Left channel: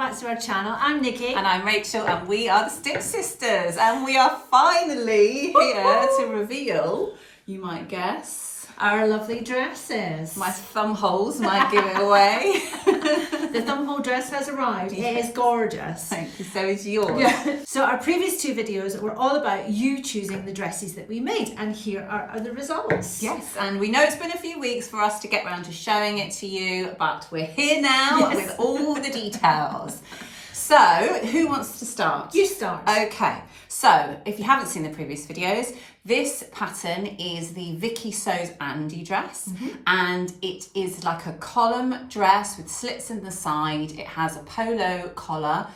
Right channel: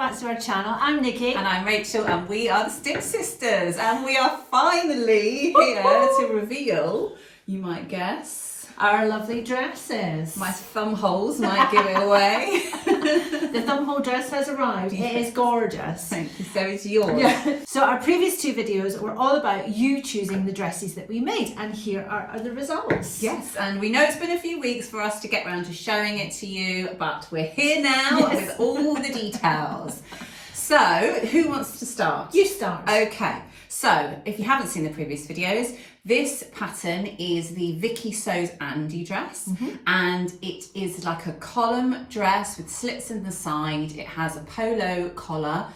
back to our channel. I'm Nikki. And I'm Rachel, and we are the Stitch Sisters, and we are finally here to reveal, you might guess, our lovely dresses. my thumb holes might give it away. The thumbhole dress has arrived. It is gorgeous. Thank you, so is yours. Yeah. So our previous two videos were all about you choosing the dresses that we made, and here are the results. Yes, and we know it's been a few weeks for us to get around to showing it to you, but we're here now with all the details. So, who wants to start? You start. Okay, so if you haven't seen the previous videos, this pattern is the Vicky Andy dress, and it is like a column dress with slits in the side. It has a polo collar.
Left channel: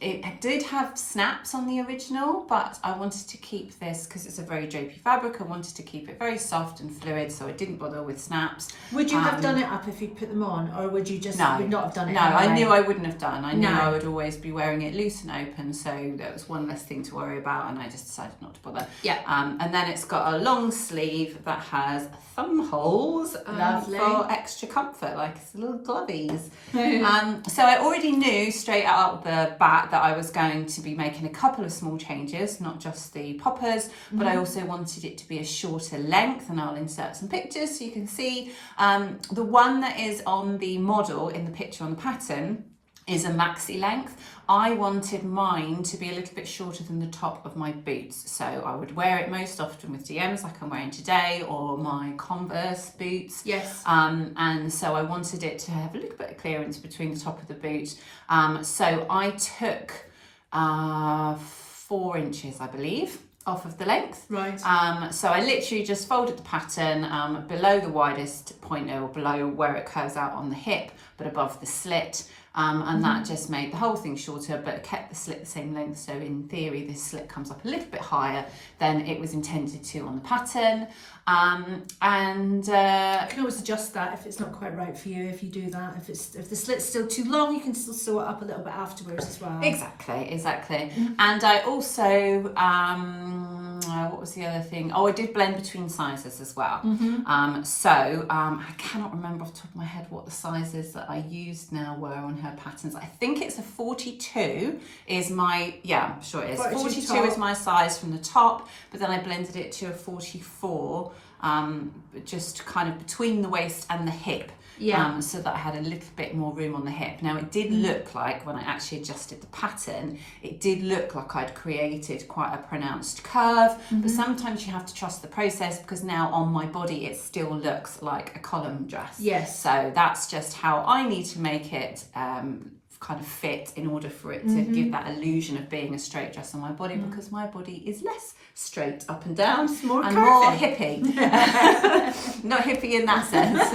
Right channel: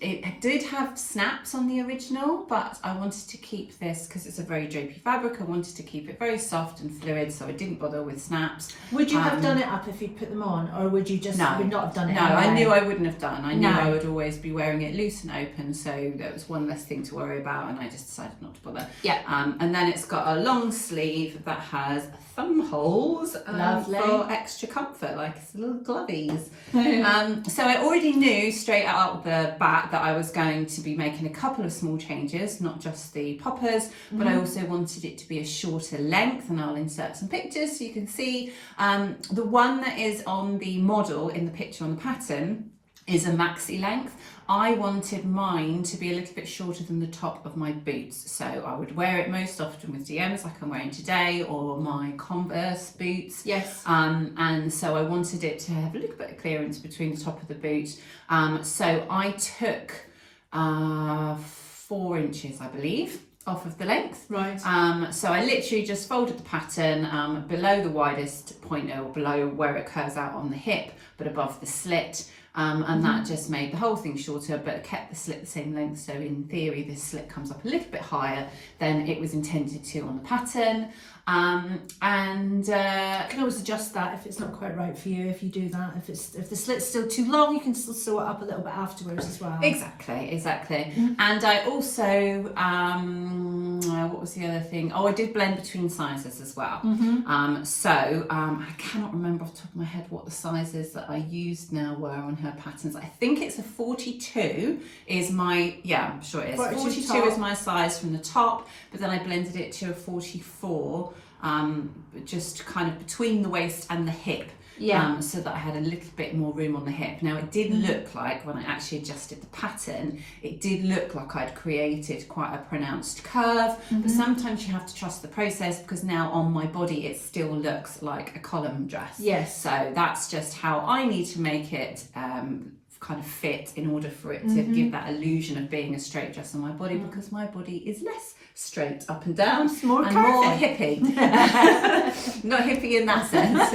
It did have snaps on the original, but I wanted to keep this because it's a very drapey fabric. I wanted to keep it very soft and fluid, so I didn't bother with snaps. Would you have done it up if you'd put them on, or would you just would not have done it? No, anyway? I knew I wouldn't have done. I knew I would always be wearing it loose and open, so there was one less thing to worry about, and I just decided not to bother. Yeah. And then it's got a long sleeve that has thumb holes for extra comfort, like it's little glovies. So I already knew straight out the bat that I was going to be making a couple of small changes, not just the poppers, but I also wanted it to be a shorter length, and I'll insert some pictures so you can see. The one that is on the model in the picture on the pattern is a maxi length. I wanted mine to be a little bit shorter than the top of my boots, so I would wear it most often with DMs like I'm wearing today, or my Converse boots. Yes. And so I wanted it to have a little bit of clearance between the top of the boot. So I took 4 inches, I believe, off of the length. Right. So I literally just folded the pattern below the widest point, or below where it curves out on the hip, but above the slit. And that just made the whole thing shorter, but kept the slit the same length. So in theory, this slit comes up a little bit higher than it was intended to on the pattern. You can always adjust that if it's not quite right for you. If you do that, if the slit's still too long, you can still sew it up a little bit afterwards as well. Exactly. And I also, what was the other thing? Oh, I did blend between sizes as well. I cannot remember off the top of my head what the sizes that I used now were on her patterns. I think it's a 42 is my, I'm sure it is. 42 is my size from the top, but then I blended it to a 44, just kind of between the waist and the hip. So that I had a little bit more room on the hip. Now it did look like, when I actually adjusted the pattern, it did look like I'd created quite a pronounced curve, but sometimes you have to trust the process, because now on my body it still looks like a column dress. Yes. So that's just how I need to make it kind of fit in order for it to give that illusion of being a straight dress on my body, because my body is less straight up and down, it's more and curvy. more hippie. Not hippie in that sense.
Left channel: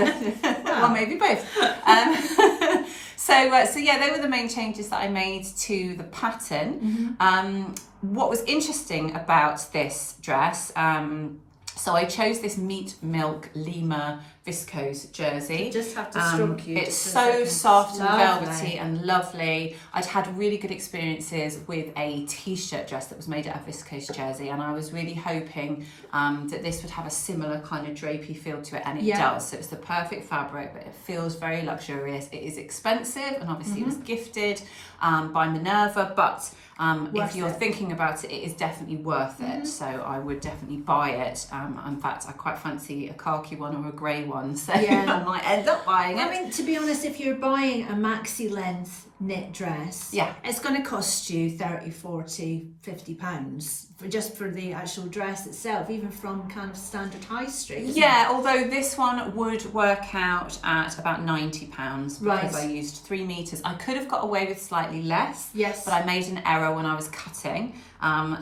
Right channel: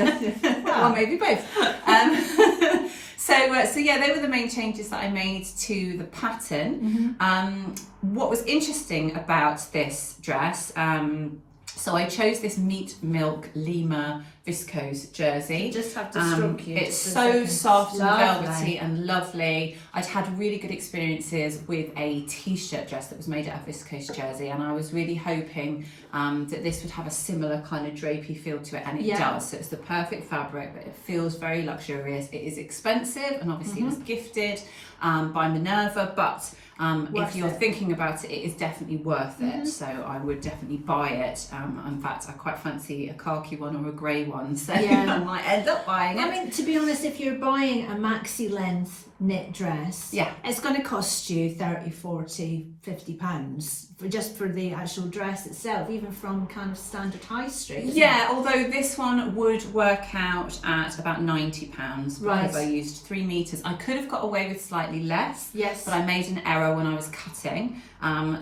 Well, maybe both. So yeah, they were the main changes that I made to the pattern. What was interesting about this dress, so I chose this Meat Milk Lima viscose jersey. You just have to stroke you. It's so soft and velvety and lovely. I'd had really good experiences with a t-shirt dress that was made out of viscose jersey, and I was really hoping that this would have a similar kind of drapey feel to it, and it does. So it's the perfect fabric, but it feels very luxurious. It is expensive, and obviously it was gifted by Minerva, but if you're thinking about it, it is definitely worth it. So I would definitely buy it. In fact, I quite fancy a khaki one or a grey one, so I might end up buying it. I mean, to be honest, if you're buying a maxi length knit dress, it's going to cost you 30, 40, 50 pounds just for the actual dress itself, even from kind of standard high street. Although this one would work out at about £90 because I used 3 meters. I could have got away with slightly less, but I made an error when I was cutting.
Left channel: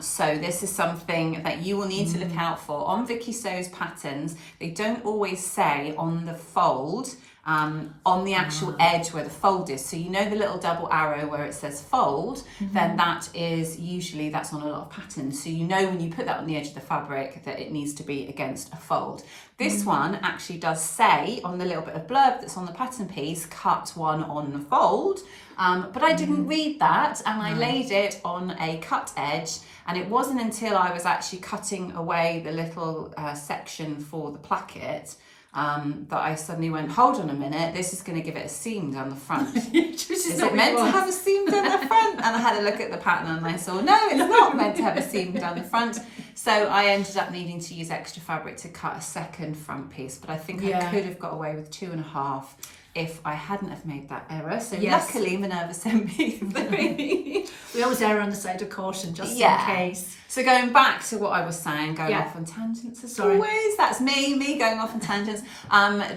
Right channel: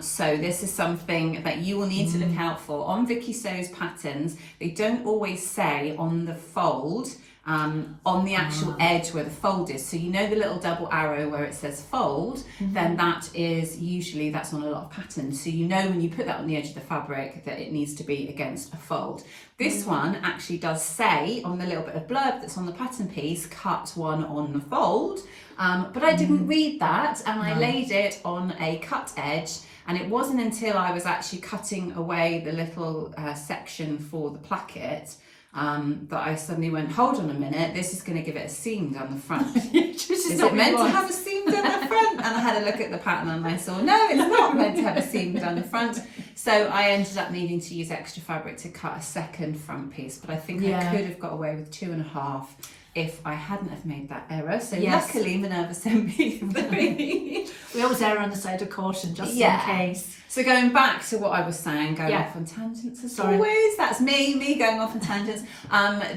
So this is something that you will need to look out for. On Vicky So's patterns, they don't always say on the fold, on the actual edge where the fold is. So you know the little double arrow where it says fold, then that is usually, that's on a lot of patterns. So you know when you put that on the edge of the fabric that it needs to be against a fold. This one actually does say on the little bit of blurb that's on the pattern piece, cut one on the fold. But I didn't read that, and I laid it on a cut edge, and it wasn't until I was actually cutting away the little section for the placket that I suddenly went, hold on a minute, this is going to give it a seam down the front. Is it meant to have a seam down the front? And I had a look at the pattern and I saw, no, it's not meant to have a seam down the front. So I ended up needing to use extra fabric to cut a second front piece, but I think I could have got away with 2.5 if I hadn't have made that error. So luckily Minerva sent me 3. We always err on the side of caution, just in case. So going back to what I was saying, going off on tangents as always, that's me going off on tangents,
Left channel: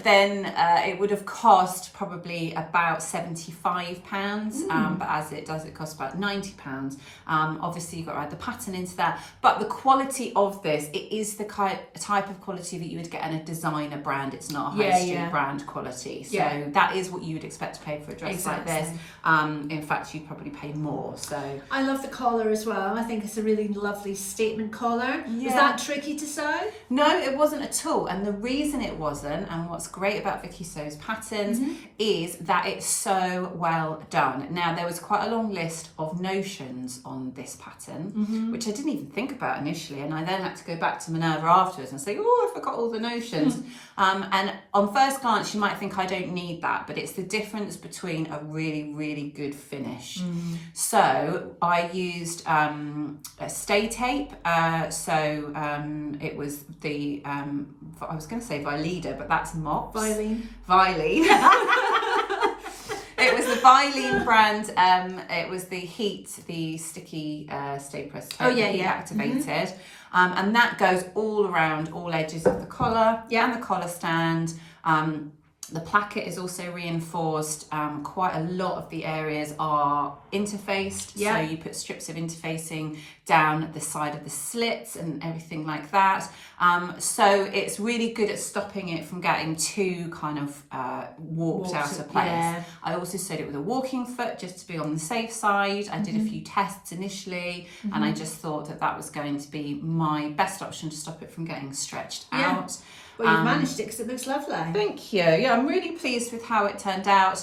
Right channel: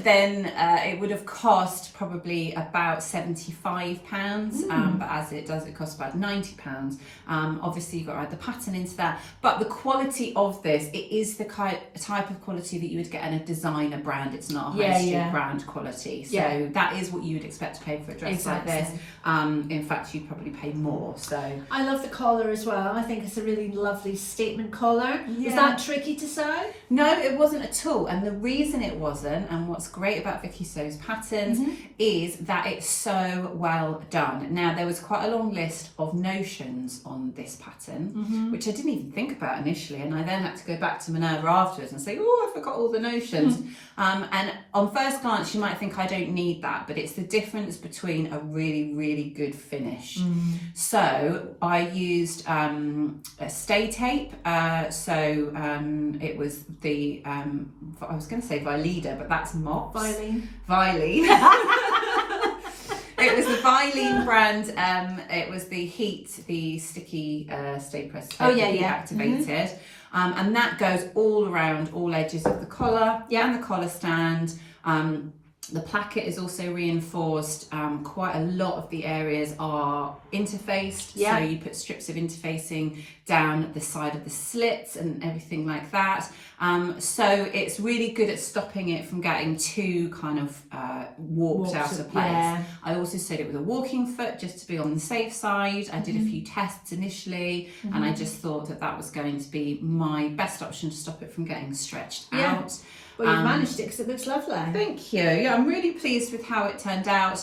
then it would have cost probably about £75, but as it does, it costs about £90. Obviously you've got to add the pattern into that, but the quality of this, it is the type of quality that you would get in a designer brand. It's not a high street brand quality, so that is what you would expect to pay for a dress like this. In fact, you'd probably pay more. So I love the collar as well. I think it's a really lovely statement collar. Was that tricky to sew? No, it wasn't at all. And the reason it wasn't, and what's great about Vicky Sew's patterns, is that it's so well done. Now, there was quite a long list of notions on this pattern, which I didn't even think about initially, and I then had to go back to Minerva afterwards and say, oh, I forgot all the notions. And on first glance you might think I don't need that, but it's the difference between a really, really good finish. So I used a stay tape, it was the I was going to say Vileda, but that's mops. Vilene. It was the Vilene brand. It was the the sticky stay press tape, activated, and that goes all around all edges of the collar and the collar stand. The placket is also reinforced. Quite a lot of the areas are interfaced, so you put strips of interfacing down the side of the slits and everything like that. So it's really good at stopping it from getting too kind of warped out of place. I also sewed it with a walking foot just to be on the safe side. I did a few tests initially, and I just thought that that was going to be my best option to stop it from getting stretched out. Well, you've managed it because it looks lovely. Thank you. Yeah, I'm really pleased with how it turned out.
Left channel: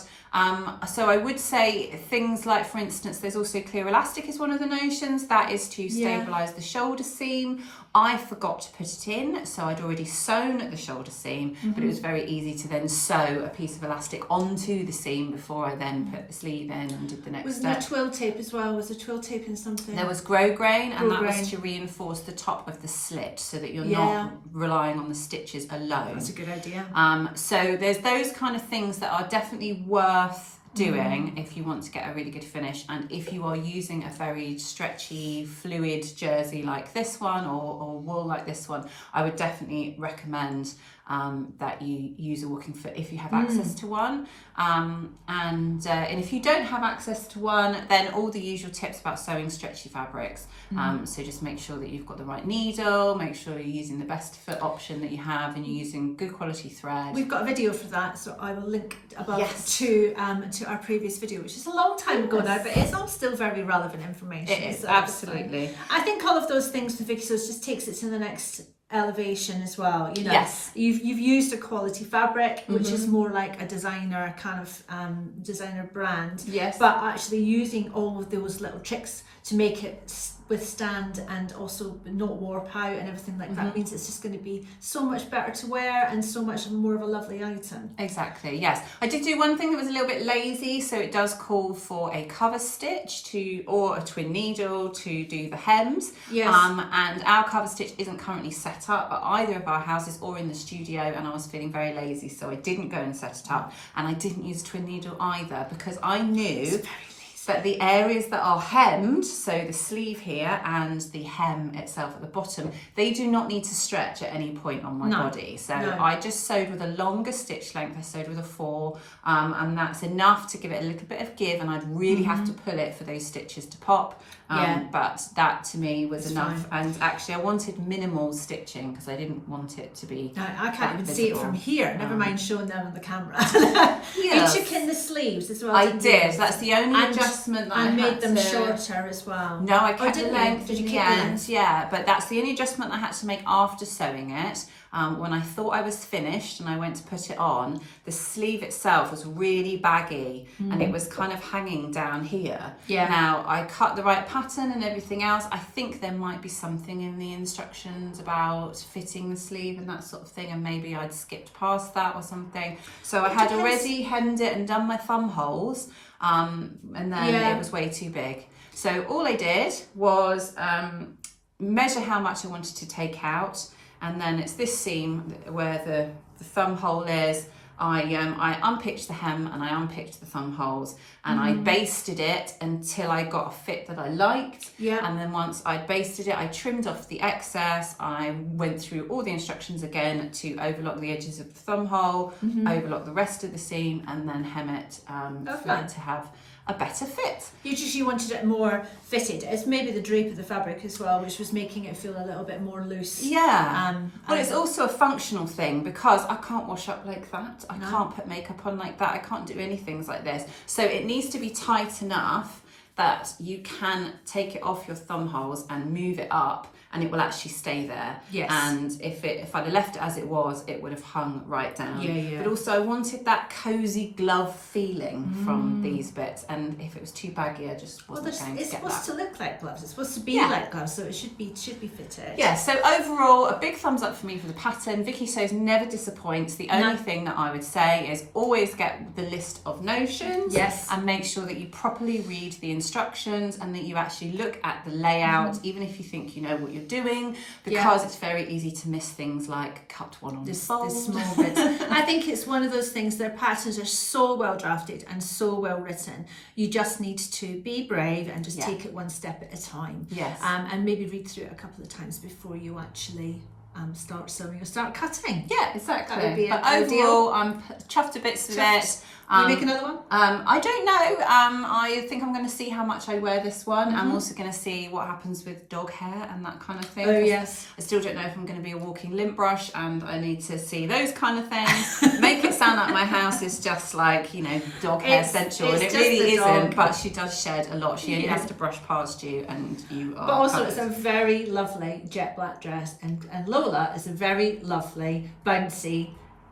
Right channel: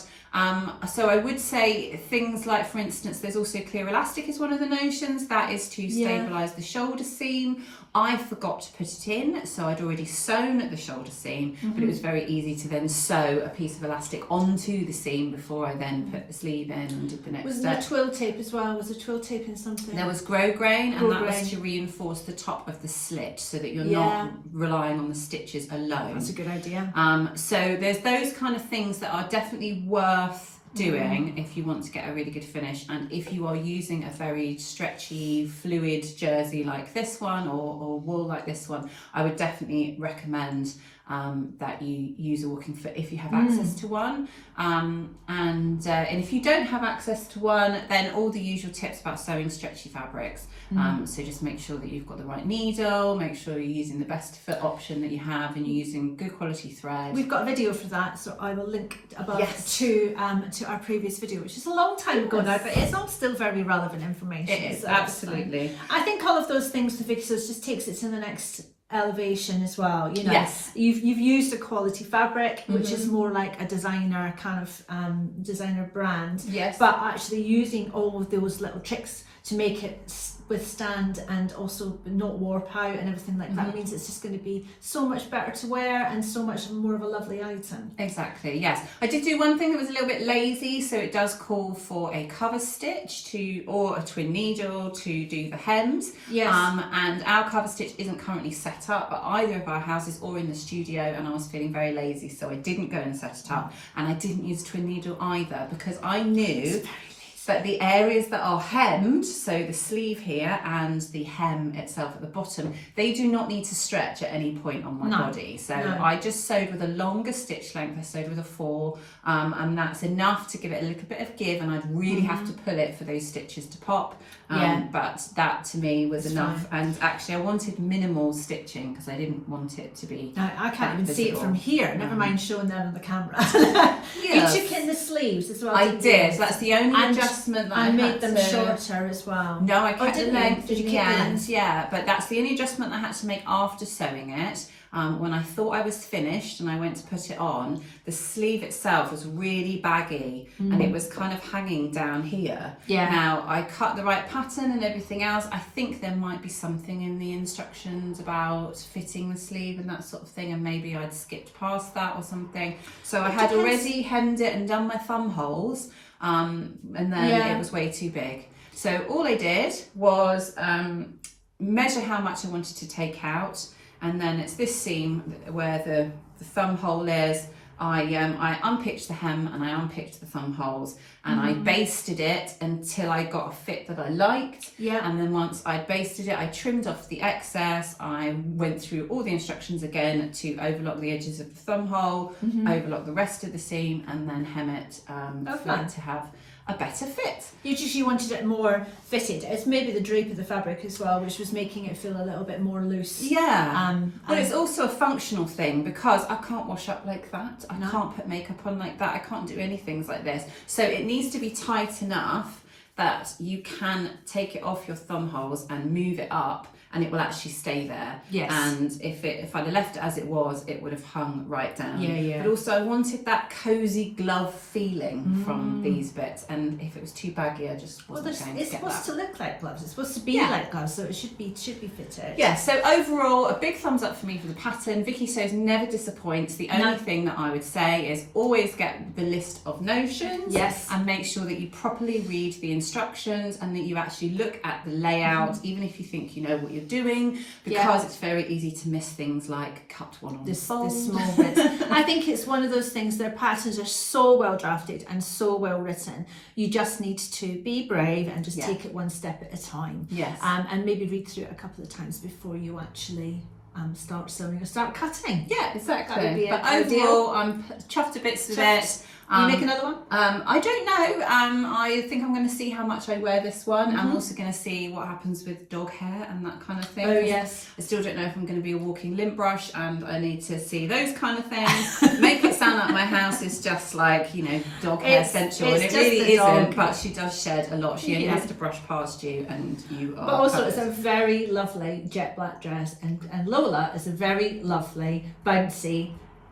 So I would say things like, for instance, there's also clear elastic is one of the notions. That is to stabilise the shoulder seam. I forgot to put it in, so I'd already sewn the shoulder seam, but it was very easy to then sew a piece of elastic onto the seam before I then put the sleeve in and did the next step. Was there twill tape as well? Was there twill tape in something? There was grosgrain, and that was to reinforce the top of the slit so that you're not relying on the stitches alone. That's a good idea. So there's those kind of things that are definitely worth doing if you want to get a really good finish, and if you are using a very stretchy fluid jersey like this one or wool like this one, I would definitely recommend that you use a walking foot if you have access to one, and if you don't have access to one, then all the usual tips about sewing stretchy fabrics. So just make sure that you've got the right needle, make sure you're using the best foot option that you have, and you're using good quality thread. We've got a video for that, so I will link above to our previous video, which is a long time ago now, but it's all still very relevant information. It is, absolutely. I think all of those things to Vicky Sews just takes it to the next elevation as well. You know, you've used a quality fabric, which is more like a designer kind of designer brand, but actually using all of those little tricks to make it withstand and also not warp out and everything like that means it's just going to be so much better to wear and so much more of a lovely item. Exactly, yes. I did do one thing that was a little bit lazy, so it does call for a cover stitch or a twin needle to do the hems. And our cover stitch isn't currently set up at either of our houses or in the studio, and I was feeling very lazy, so I didn't go and set it up, and I didn't use twin needle either because I knew but the areas that are hemmed, so the sleeve here and the hem itself at the bottom, they do not need to stretch at any point on my body. So I just sewed with a longer stitch length. I sewed with a 4, and that's enough to give it a little bit of give, and I'd really have to pull it for those stitches to pop. But that to me was enough. And actually I wanted minimal stitching because I didn't want it to be I can't even see it from here, never mind showing them on the camera. You took in the sleeves as well. I did. That's the only adjustment that I made them shorter as well. No, I kept the length in the end. Yeah, but that's the only adjustment I had to make after sewing it. when I thought I was finished and I went to put it on, the sleeve itself was really baggy and it was kind of hanging down here. Yeah. Now, I cut the right pattern and everything else. I think there might be something in the instructions about fitting the sleeve and that sort of thing, and maybe I'd skipped past that or something. So I had already hemmed it and done my thumb holes, and then it was way too big. So all I did was measure how much I wanted to take out, and then it's this seam where the thumb hole is. I unpicked the hem and I unpicked the thumb holes, and I basted it until I got a fit that I liked. Yeah. And then once I'd basted it, I trimmed off the excess. I went through all the instructions again to overlock the edges of the thumb hole, overlock the rest of the seam, and then hem it flat to have a better fit. You just wanted it more fitted. It's maybe the drape of the fabric as well, which was making it feel a little bit more loose. Yeah. But it's also a functional thing, because I can't wash up like that. I can't put makeup on like that. I can't do any things like this. So it needs to be tight enough that you can take it off your thumb holes and move it up, and it will actually stay there. Yes. And if I'd have left it as it was, it would have hung right down. Yeah. But also I wanted that cozy glove feeling from these bits, and if it was too baggy, I just wasn't going to it's get supposed that. to look like gloves. It's supposed to be like gloves, so it should be fitted. Yeah, so overall, a big thumbs up for me for the pattern. Vicky says never disappoints. The only thing that I would say is always get the list of notions. Yes. And make sure that you properly read the instructions and that you actually look at the layout, even if you think you know what you're doing, because it's very easy to miss things like cut one on the fold. The small bits. I think it's one of those things, their patterns are so well drafted and so well written. You just need to be brave and just take it one step at a time. Yes. And maybe read through it a couple of times before you actually start sewing or start cutting. Yeah, exactly. That would be but ideal. overall, I'm chuffed to bits with it. You make another one? I don't know. I think I'm going to see how much I wear this one. I'm also going to see what happens with dog hair and that kind of thing. Oh, yes. I still don't know if I'm going to be a walking lint brush, and I need to see those kind of things. Make it sound like my house is just like, dog hair central, and it really isn't. But she does shed a lot. She only has to brush past you, and you are. But also, covered. it's a very lovely jet black dress, and Lola is a very lovely, bouncy,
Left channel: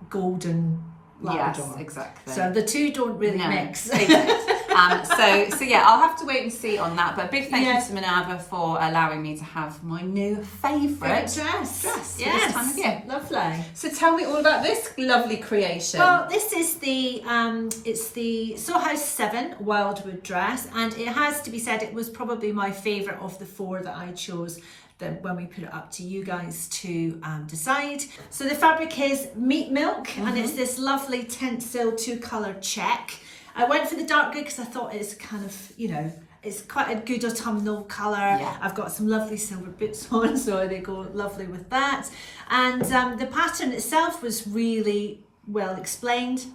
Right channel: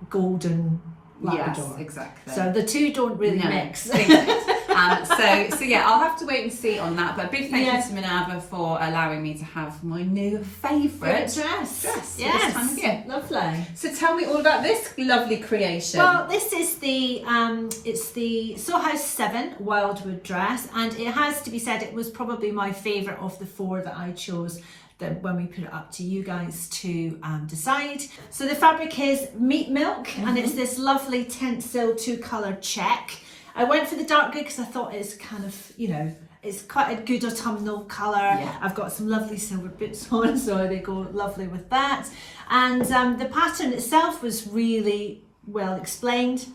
golden Labrador. Yes, exactly. So the two don't really mix. So yeah, I'll have to wait and see on that. But a big thank you to Minerva for allowing me to have my new favourite dress this time of year. Lovely. So tell me all about this lovely creation. Well, this is the it's the Sew House 7 Wildwood dress, and it has to be said it was probably my favourite of the four that I chose when we put it up to you guys to decide. So the fabric is meat milk, and it's this lovely Tencel 2-colour check. I went for the dark grey because I thought it's kind of, it's quite a good autumnal colour. Yeah. I've got some lovely silver boots on, so they go lovely with that. And the pattern itself was really well explained,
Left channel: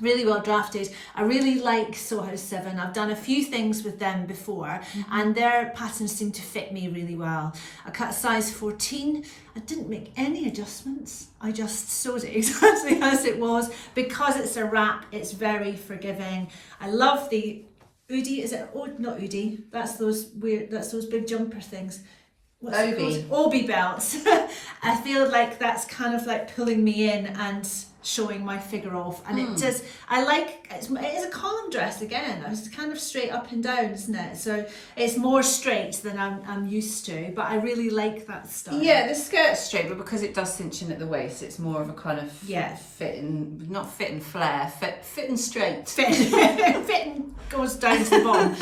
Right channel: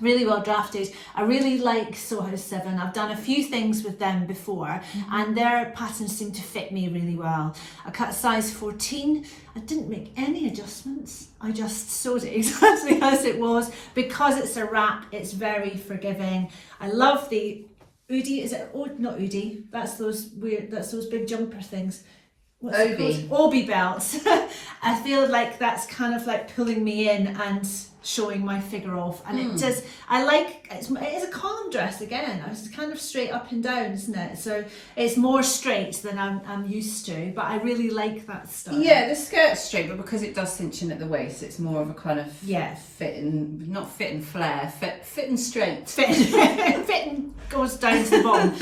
really well drafted. I really like Sew House 7. I've done a few things with them before, and their patterns seem to fit me really well. I cut size 14. I didn't make any adjustments. I just sewed it exactly as it was. Because it's a wrap, it's very forgiving. I love the Oodie. Is it not Oodie? That's those big jumper things. What's it called? Obi belts. I feel like that's kind of like pulling me in and showing my figure off, and it does. It is a column dress again. It's kind of straight up and down, isn't it? So it's more straight than I'm used to, but I really like that style. Yeah, the skirt's straight, but because it does cinch in at the waist, it's more of a kind of not fit and flare, fit and straight. Fitting goes down to the bottom.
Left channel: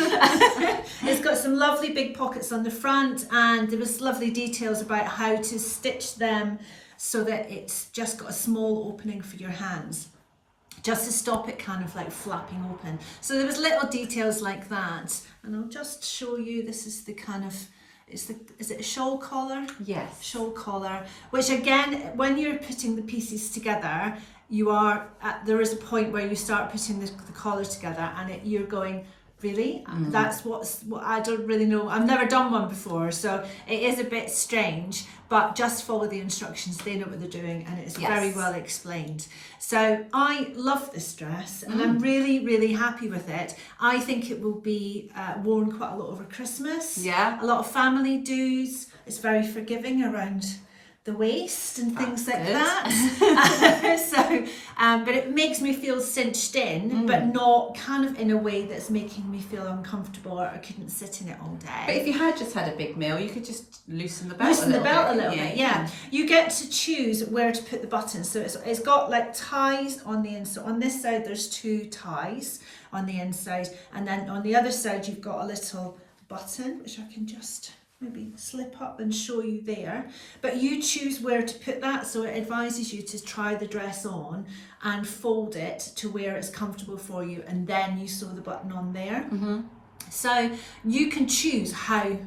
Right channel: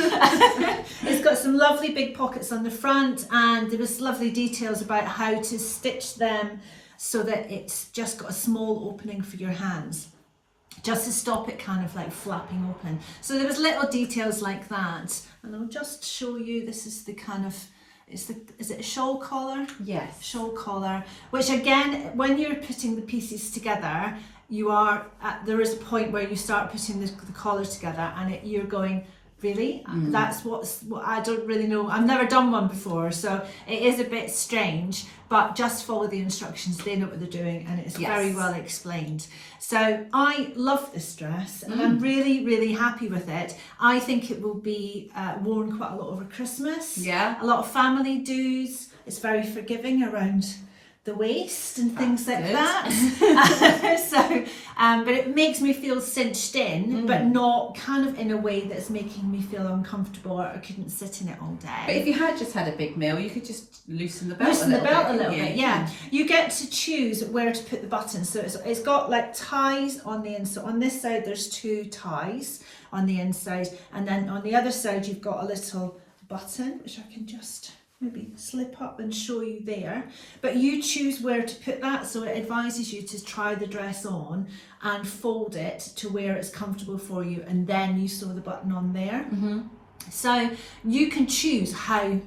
It's got some lovely big pockets on the front, and there was lovely details about how to stitch them so that it's just got a small opening for your hands, just to stop it kind of like flapping open. So there was little details like that, and I'll just show you. This is the kind of, is it a shawl collar? Yes. Shawl collar, which again, when you're putting the pieces together, there is a point where you start putting the collar together, and you're going, really? That's what I don't really know. I've never done one before, so it is a bit strange, but just follow the instructions. They know what they're doing, and it's very well explained. So I love this dress, and I'm really, really happy with it. I think it will be worn quite a lot over Christmas. Yeah. A lot of family do's. It's very forgiving around the waist and things like that. So, but it makes me feel cinched in, but not kind of in a way that's making me feel uncomfortable or I couldn't sit in it all day. But if you had just had a big meal, you could just loosen the belt a little bit. Yeah. You get to choose where to put the buttons. So it's got like ties on the inside. On this side, there's 2 ties on the inside, and then on the other side, you've got a little button, which I can just maybe slip up and show you there, but you choose where to put that. So it advises you to try the dress on and fold it to where it's comfortable for you, and then you sew the button on there. So you can choose how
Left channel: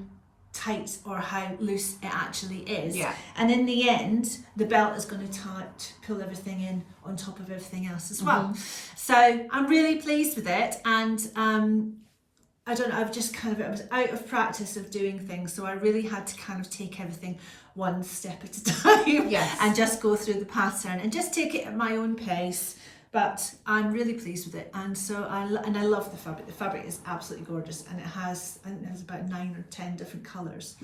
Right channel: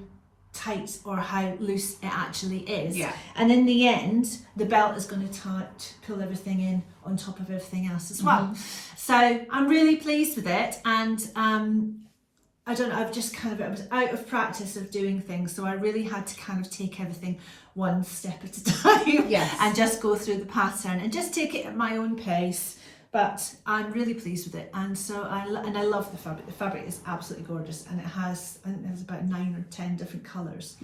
tight or how loose it actually is, and in the end the belt is going to pull everything in on top of everything else as well. So I'm really pleased with it, and I don't know, I was out of practice of doing things, so I really had to kind of take everything one step at a time and just go through the pattern and just take it at my own pace. But I'm really pleased with it, and so I love the fabric. The fabric is absolutely gorgeous, and I think there's about 9 or 10 different colours.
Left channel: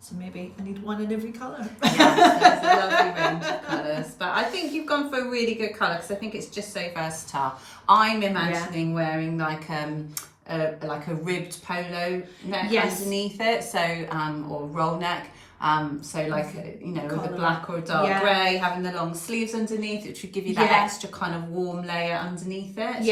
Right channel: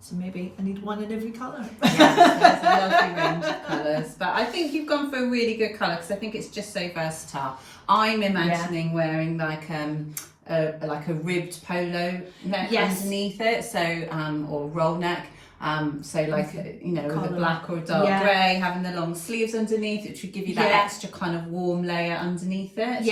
So maybe I need one in every colour. Yes, there's a lovely range of colours, but I think you've gone for a really good colour because I think it's just so versatile. I'm imagining wearing like a ribbed polo neck underneath it, so or roll neck. So like, with a black or dark grey, having the long sleeves underneath, which would give you that extra kind of warm layer underneath it.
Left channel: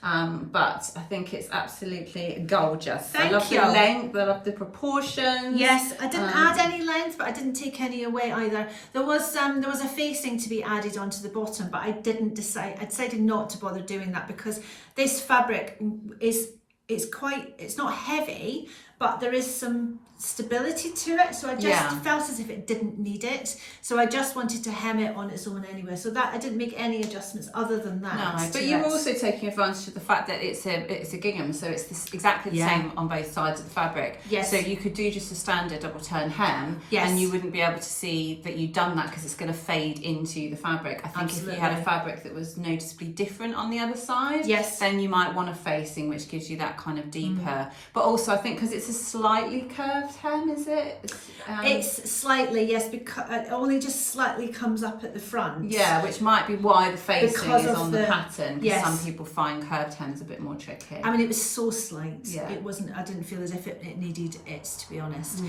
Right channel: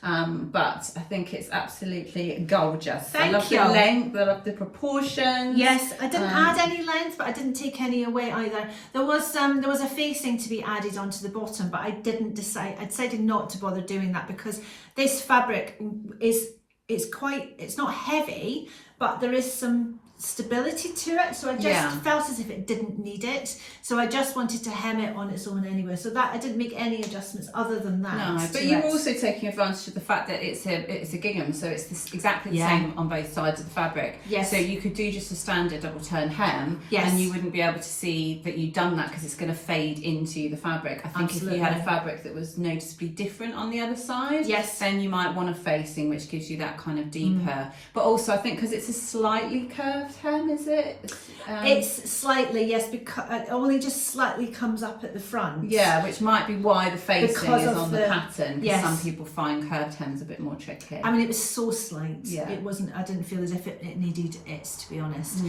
But I think it's absolutely gorgeous. Thank you. I love the length, I love the proportions. Yes, I didn't add any length, but I didn't take any away either. There was a facing to be added onto the bottom, but I decided not to bother doing that because this fabric it's not heavy, but there is some stability to it, so I just felt as if it didn't need it, so I just wanted to hem it on its own anyway, so that I didn't make any adjustments other than that. No, but you're also taking advantage of the fact that it's a gingham, so it's exactly the same on both sides of the fabric. So you could do just a standard double turn hem, and you wouldn't be able to see that you've done that because it's going to fade into the fabric. I think if you had a fabric that was noticeably different on the other side, then you might want a facing which gives you that kind of deeper, but also I think because it's a slightly curved hem, is it? It's slightly, yes, because it only just slightly comes up at the front. Yeah, which might be why the facing is on the pattern, because some people find curved hems a bit more tricky. I mean, it was so slight. It wasn't, I didn't feel as if it needed it, to be honest.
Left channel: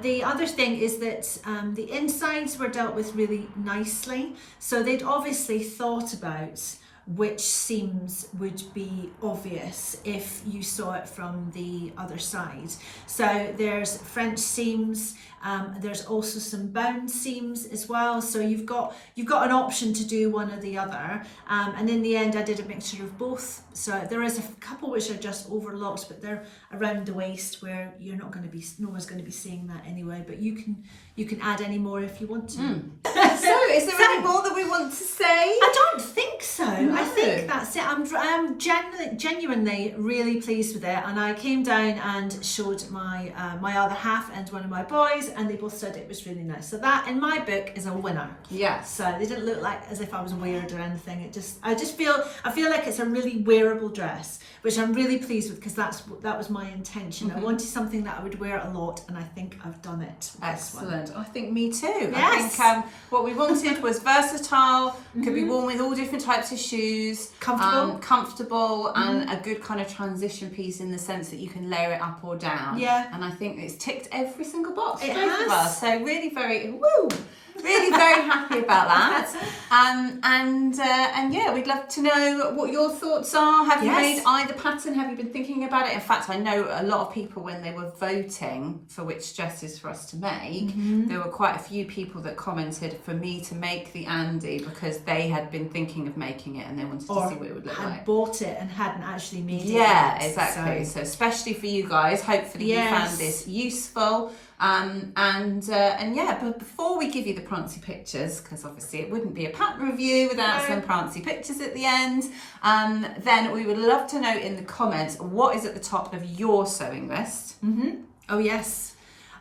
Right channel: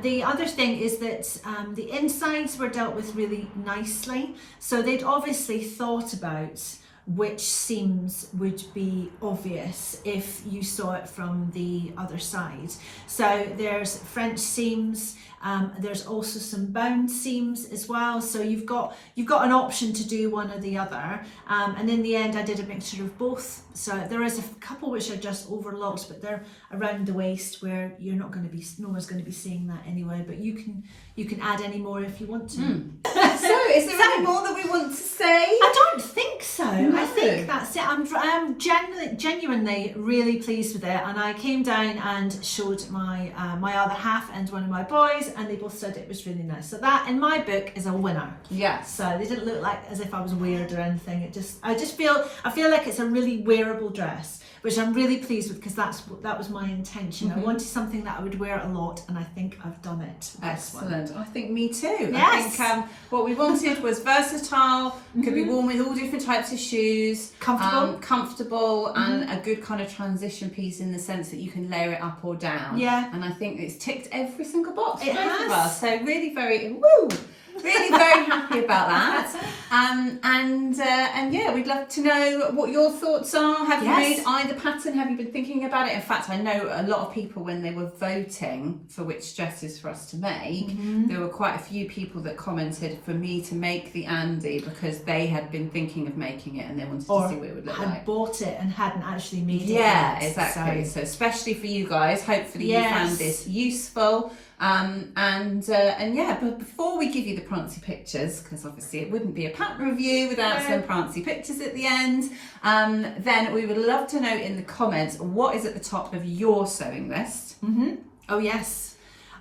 The other thing is that the insides were dealt with really nicely. So they'd obviously thought about which seams would be obvious if you saw it from the other side. So there's French seams, there's also some bound seams as well, so you've got an option to do one or the other, and in the end I did a mixture of both. So there is a couple which are just overlocked, but they're around the waist where no one's going to be seeing that anyway, but you can add any more if you want to. So is there any more that we want to say? I don't think so. No. I think that's it. I'm genuinely really pleased with it, and I came down and showed my other half and one of my boys, and they both said it was really nice. So that in my book is a winner. So they didn't look like as if I was weird or anything. I feel like it's a really wearable dress, which I'm really pleased with because that was my intention. I wanted something that I would wear a lot, and I think I've done it. Excellent. I think me too. Yes. I think what we wanted was versatile, could be worn with all different types of shoes, comfortable, and a good kind of transition piece in the sense that you can layer it up or down. And I think it's ticked every single box. It has. Of us. So really really very happy about that. And yeah, we'd love to know what your thoughts are. Have you made either pattern? Have you been thinking about it? In fact, I know a lot of people, when they were voting for which dresses for us to make, there were quite a few people that commented for me to make the Andy because they had been thinking of making it and they wanted to see what it would look like. Had bought it and hadn't actually made it. Yeah, exactly. So especially for you guys, hopefully you found this useful. And yeah, but before we give you the prancy pictures, because obviously it wouldn't be a pattern review without some prancy pictures at the end, then we would love to know in the comments what is at the top of your sewing list. Oh yes.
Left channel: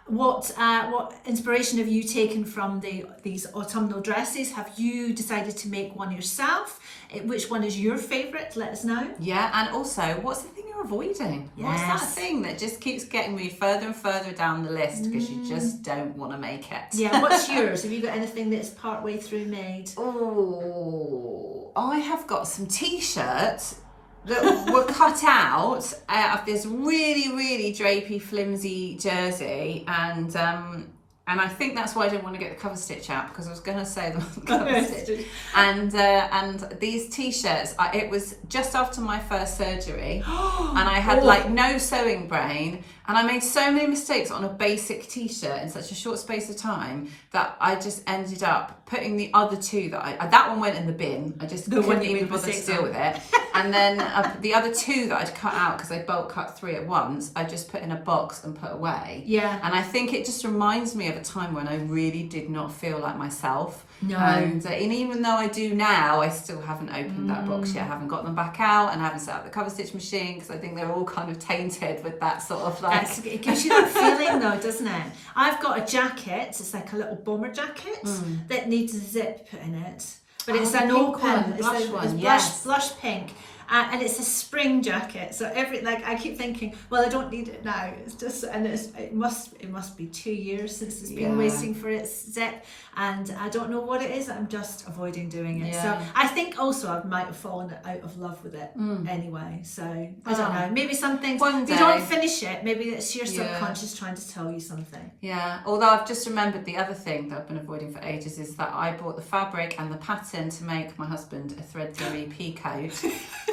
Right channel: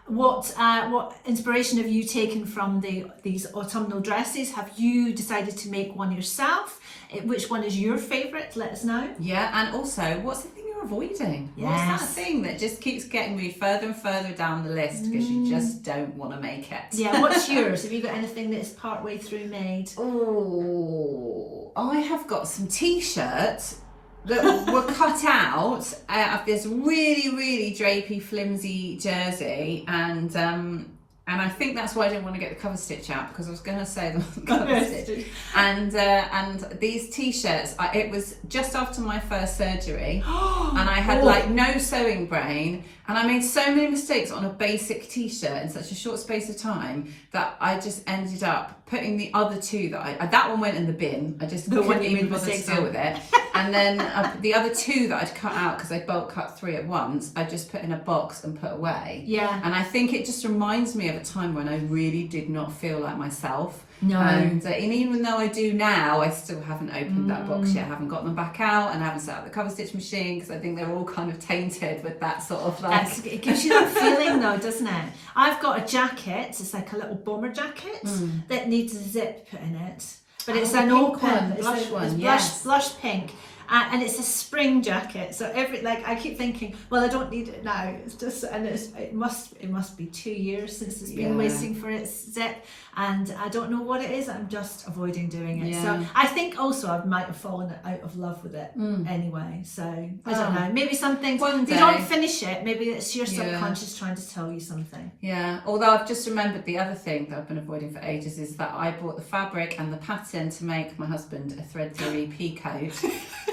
what inspiration have you taken from these autumnal dresses? Have you decided to make one yourself? Which one is your favourite? Let us know. Yeah, and also, what's the thing you're avoiding? Yes. What's that thing that just keeps getting me further and further down the list because you just don't want to make it? Yeah, what's yours? Have you got anything that's partway through made? Oh, I have got some t-shirts that were cut out of this really, really drapey, flimsy jersey, and I think that's why I didn't want to get the cover stitch out, because I was going to say the cover stitch. And these t-shirts, it was just after my first surgery, and I had like no sewing brain, and I made so many mistakes on a basic t-shirt in such a short space of time that I just ended up putting the other two that one went in the bin. I just couldn't even bother to deal with it. And then the other two that I'd cut out, because I bulk cut 3 at once, I just put in a box and put away. Yeah. And I think it just reminds me of a time when I really did not feel like myself. No. And even though I do now, I still haven't opened that box yet. I haven't got them back out, and I haven't set up the cover stitch machine, because I think they're all kind of tainted with that sort of like... It gives you that feeling though, doesn't it? I've got a jacket, it's like a little bomber jacket that needs a zip put in it. But it's an open, it's blush pink. And it's a spring jacket, so I keep thinking, well, I don't need it now. It's just, and it must be 2 years since it's been waiting for its zip, and I don't know what it is. I'm just avoiding doing it. So I think also I might have fallen out of love with it anyway. So I don't know. Maybe something. If you don't finish it, maybe it's your subconscious trying to tell you something. Yeah. Although I've just remembered the other thing that I've been avoiding for ages is that I bought the fabric and the pattern to make my husband a thread dilly pea coat.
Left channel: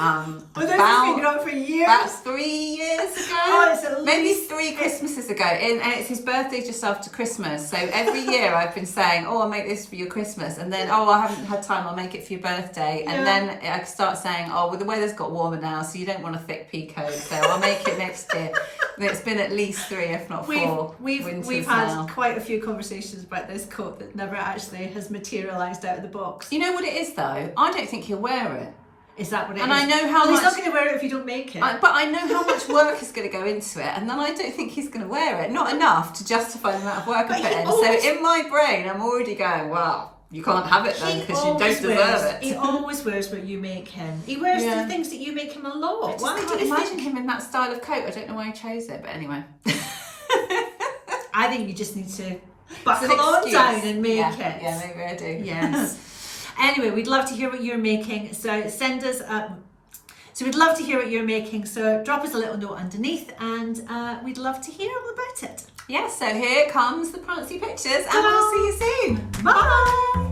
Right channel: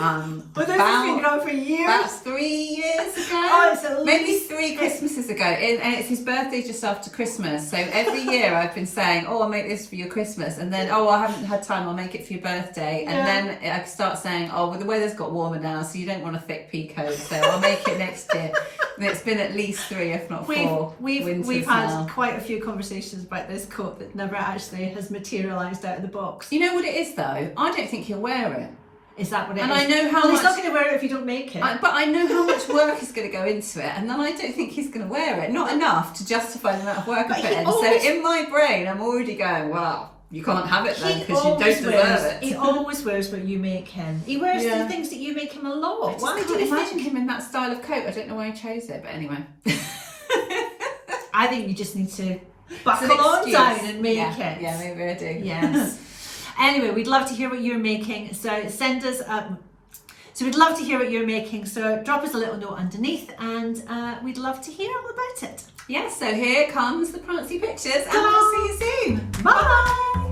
But this has been going for years. That's 3 years ago. Oh, it's at maybe least 3 Christmases ago, and it's his birthday just after Christmas. So every year I've been saying, "Oh, I'll make this for your Christmas," and then, "Oh, I haven't had time. I'll make it for your birthday." And then I start saying, "Oh, well, the weather's got warmer now, so you don't want a thick pea coat, so I'll make it next year." And it's been at least 3, if not 4. We've had quite a few conversations about this coat that never actually has materialised out of the box. You know what it is though? I don't think he'll wear it. Is that what it is? And I know how much... he's not going to wear it if you don't make it. But I know how much work is going to go into it, and then I don't think he's going to wear it. Not enough to justify the amount of work I put in. So in my brain, I'm already going, well, you can't have it then because you don't deserve it. He always wears what you make him. He wears the things that you make him a lot. Why do you imagine him in that style of coat? I don't know why he chose it, but anyway. I think you just need to buckle on down and make it. Yeah, maybe I do. Yes. Anyway, we'd love to hear what you're making. So send us So we'd love to hear what you're making. So drop us a little note underneath, and we'd love to hear all about it. Yes, so here comes the Prancy pictures, and we'll see you soon. Bye.